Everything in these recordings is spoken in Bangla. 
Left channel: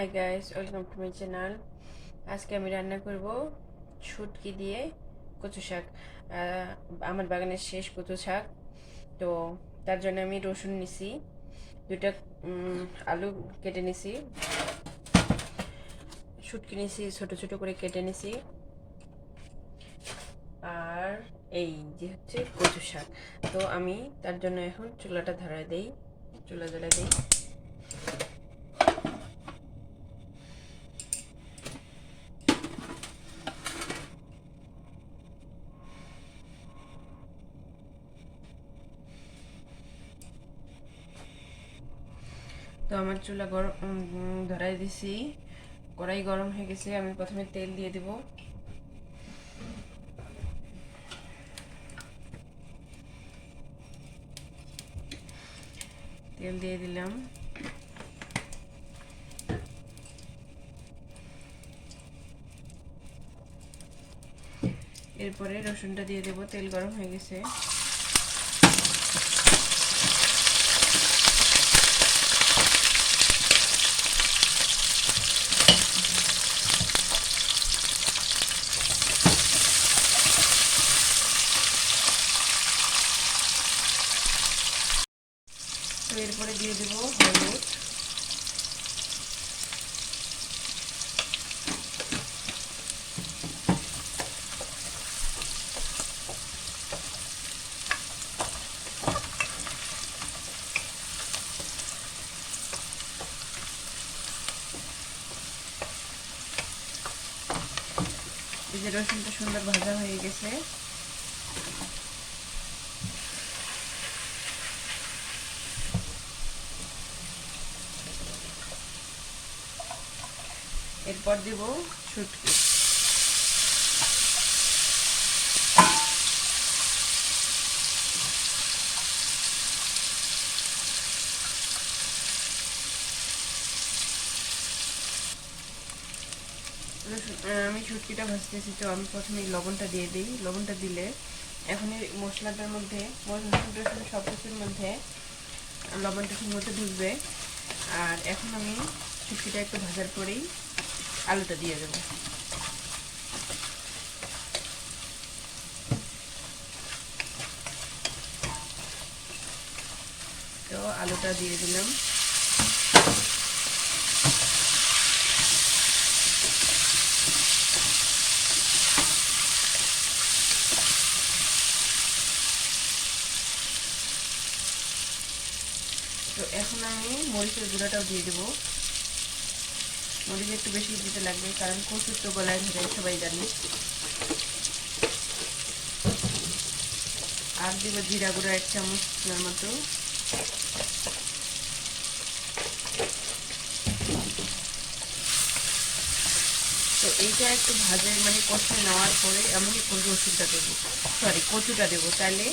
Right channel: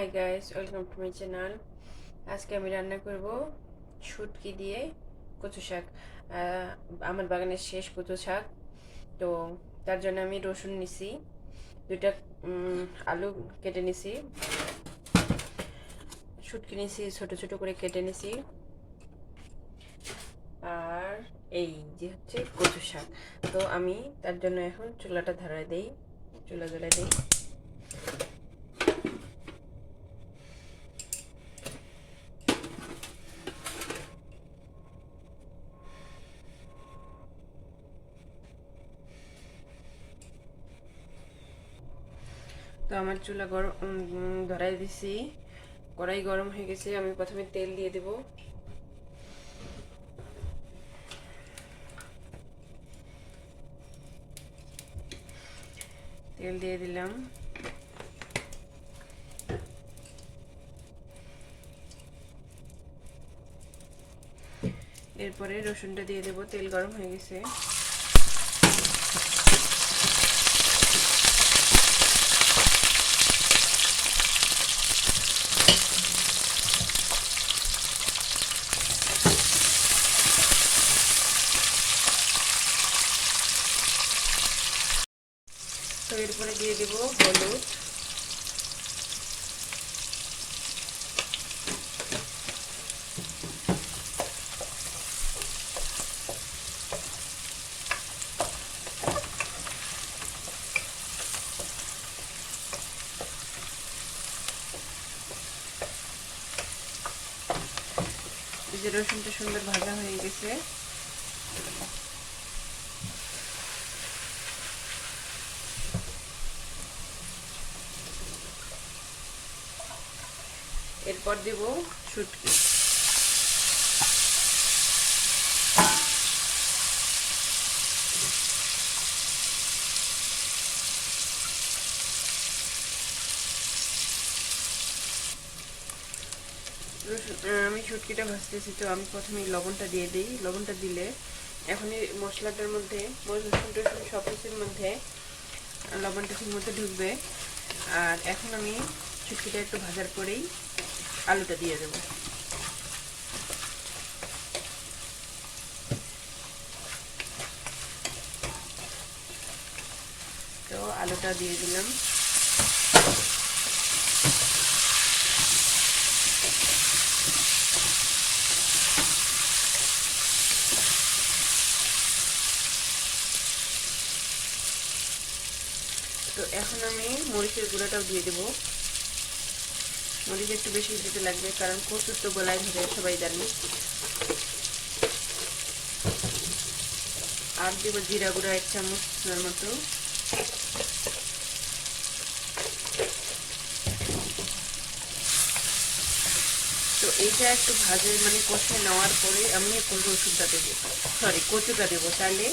Hi guys, welcome to my channel. আজকে আমি রান্না করব শুটকি দিয়ে কচু শাক। আমার বাগানের শেষ কচু শাক। তো তার জন্য আমি রসুন নিছি, দুইটা আলু কেটে নিছি, শুটকি নিছি, ছোট ছোট করে কেটে নিছি, আর এই যে হচ্ছে কচু শাক। তো আমি তার জন্য এখন চুলা জ্বালায় দেই। তো আমার চুলা গরম ধরাই দিছি, কড়াই গরম হয়ে গেছে। আমি প্রথমে তেল দিয়ে দেব। তেল দিয়ে দিলাম। এরপরে রসুনটা দিয়ে দেব। তেল গরম হয়ে গেছে। তো এরপরে দিয়ে দেব হলুদ, যে রসুনটা সুন্দর ভাজা হয়ে গেছে। এরপর দেব শুটকি। আমি শুটকিটা ভাজতেছি, তো আমি প্রথমে লবণটা দিয়ে দিই। লবণটা দিলে এখন এই মশলাটার মধ্যে, রসুন টসুন সব কিছুর মধ্যে লবণটা ঠিক মতো ঢুকবে। আর এখন আমি শুটকিটা একটু ভাজার পরেই আলুটা দিয়ে দেবো। তো আলুটা দিয়ে দিলাম। তো এখন আমি মরিচের গুঁড়াটাও দিয়ে দেবো। মরিচ একটু বেশি দিতে লাগবে, কারণ কচুর তো গলায় ধরে, সবাই জানি। আর দেব জিরা গুঁড়া 1 চামচের মতো। তো এইটা একটু ভাজে কষে নেওয়ার পরে আমি এখন রসুনটা দেবো, সরি কচুটা দেবো। তাহলে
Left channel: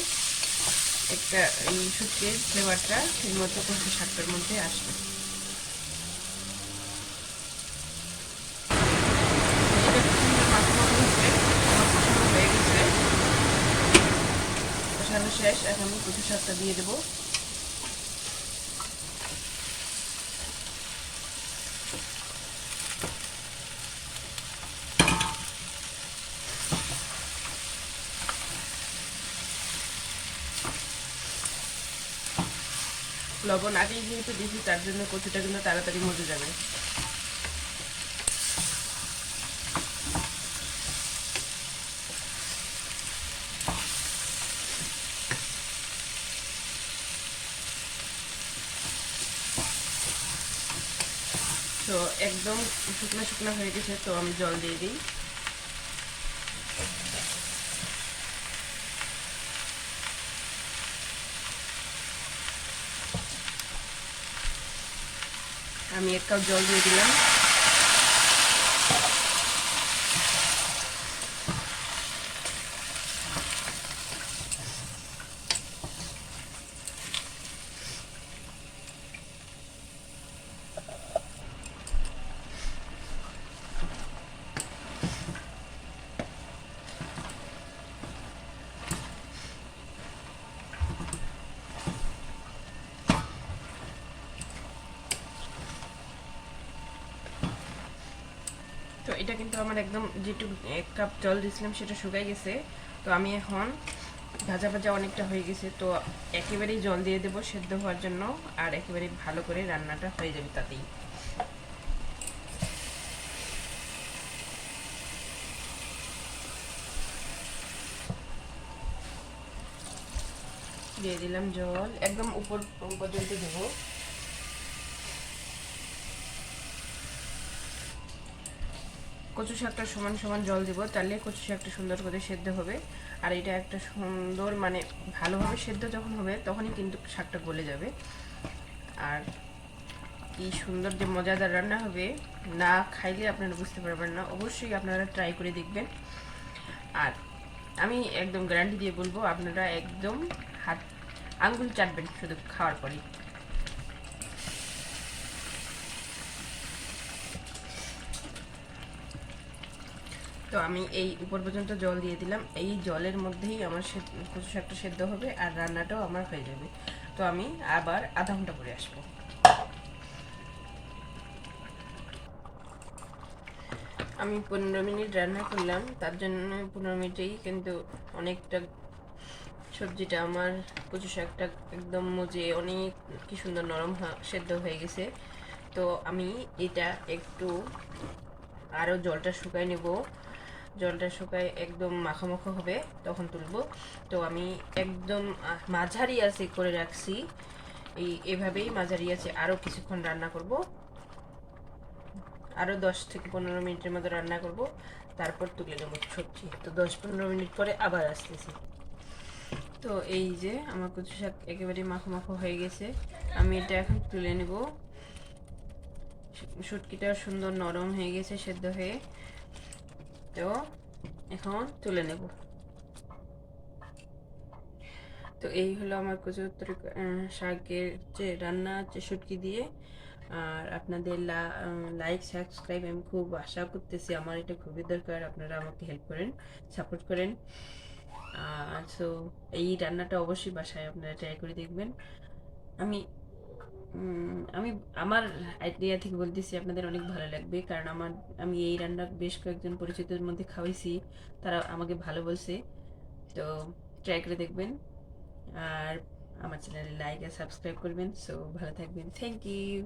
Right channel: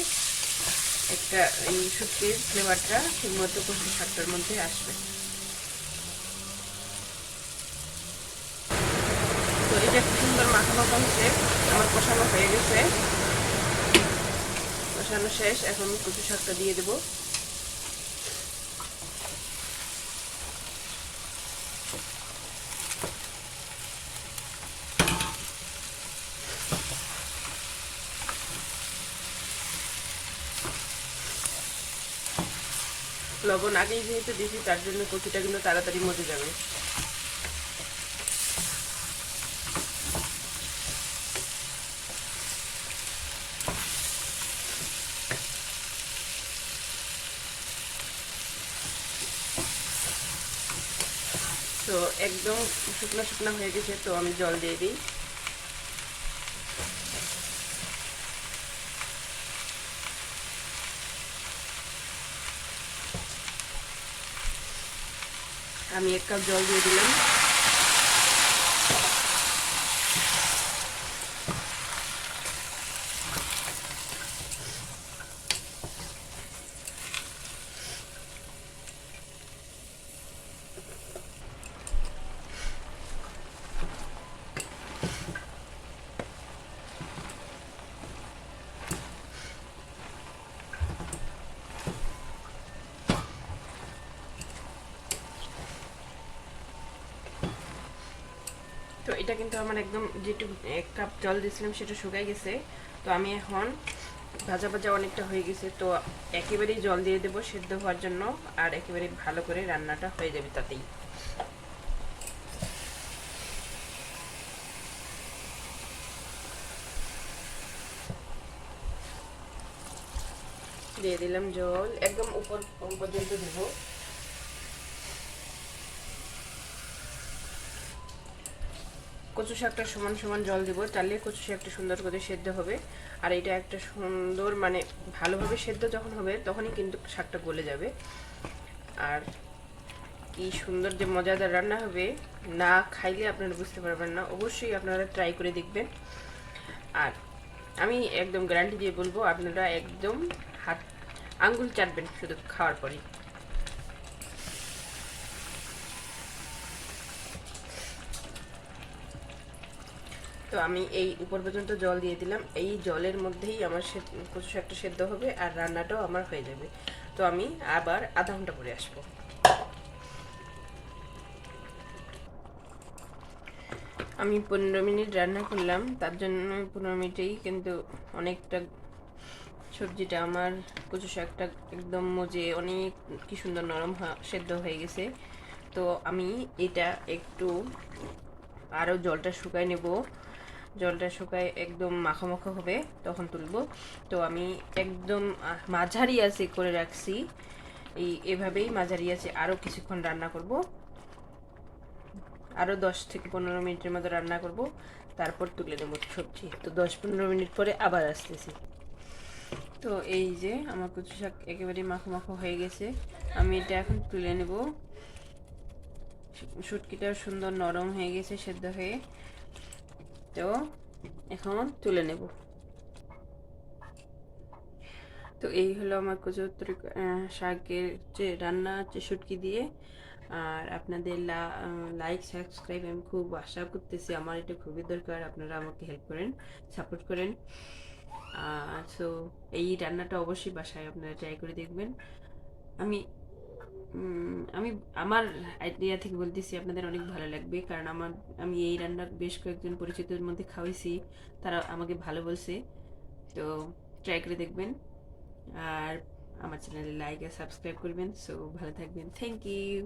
একটা এই শুটকির ফ্লেভারটা ঠিক মতো কচু শাকটার মধ্যে আসবে। তো এটা খুব সুন্দর মাখা মাখা হচ্ছে, আমার কষানো হয়ে গেছে, কষানো শেষ। এখন কচু শাকটা দিয়ে দেবো। লবণ আগেই যেহেতু দিয়েছি, তার জন্য কচুটা কিন্তু তাড়াতাড়ি মজে যাবে। তো একদম শুকনো শুকনো হয়ে গেছে, তো আমি জল দিয়ে দিই। আমি 1 কাপ জল দিয়ে দিলাম। এটা কিন্তু আমার একদম যেটুকু 1 কাপ জল দিয়েছিলাম সেটা শুকাই গেছে। তো আমি এখন ভাজা ভাজা অনেকটা হয়ে গেছে, তো একেবারেই জল দিয়ে দেবো সেদ্ধ হওয়ার জন্য, আর একেবারে ভালো করে রান্নাটা হয়ে যাবে তাতেই। দিয়ে দিলাম জল, একদম উপর পর্যন্ত দেবো। কচু শাকটা সমান সমান জল দিব, তাহলে কচু শাকটা সুন্দর করে সেদ্ধ হবে। আর এটা একটা সুন্দর মানে ভালোভাবে সেদ্ধ যখন হবে তখনই কিন্তু শাকটা গলে যাবে। আর কি সুন্দর যে মজাদার রান্না হবে, না খাইলে আপনারা বুঝতে পারবেন না। অবশ্যই আপনারা ট্রাই করে দেখবেন। আর আমি একদম গ্যারান্টি দিয়ে বলবো, আপনারা একদম হাত আঙ্গুল চাটবেন শুধু খাওয়ার পরে। তো আমি এই উপর পর্যন্ত জল দিয়ে দিলাম, এই জলের মধ্যেই আমার কচু শাকটা সেদ্ধ হবে আর রান্নাটাও আমার হয়ে যাবে। তো আমি আবার আধা ঘন্টা পরে আসবো। আমি 15 মিনিট রান্না করলাম, তার জন্য 15 মিনিটেই কিন্তু অনেকটা সবজিটা আমার কচু শাকটা একদম মজে অনেক কি সুন্দর নরম সেদ্ধ হয়ে গেছে। তো আমি এটা একটু আরও জলটা শুকায় নেব, জলটা শুকায় একদম মাখা মাখা হবে তখন তুলবো। তো আমি একদম মাঝারি আছে করে রাখছি, এভাবেই মাঝারি আছে আরও কিছুক্ষণ রান্না করব, আরও 10 থেকে 15 মিনিটের মতো রান্না করব, তারপর তুলে নেব সবজি। তো 10-15 মিনিট পরে আবার আসতেছি। তো এই যে আমার কচু শাক একেবারে মাখো মাখো হয়ে গেছে, আমি এটা এখন তুলে নেব। শুটকিটাও সুন্দর নরম হয়ে গেছে সেদ্ধ হয়ে, তো এখন তুলে নেব। তো এই হলো আমার কচু শাকের যে রান্না হচ্ছে শুটকি দিয়ে। আর আপনাদের লাইক সাবস্ক্রাইব আমি খুব আশা করতেছি, আমার এটা খুবই দরকার, আপনারা আমাকে হেল্প করেন, সাপোর্ট করেন। সো এই রান্নাটা অবশ্যই বাসায় আপনারা ট্রাই করে দেখবেন। আমি আমি আমার আইডিয়া থেকে বলতেছি, আপনাদের অনেক ভালো লাগবে, কারণ আমি এই রান্না বেশ কয়েকজন পরিচিতদের মধ্যে খাওয়াইছি, তারা আমাকে ভালো বলছে। তো ট্রাই করে দেখবেন, আর আমার চ্যানেলে লাইক আর সাবস্ক্রাইব করবেন। সো ভালো থাকবেন, থ্যাংক ইউ।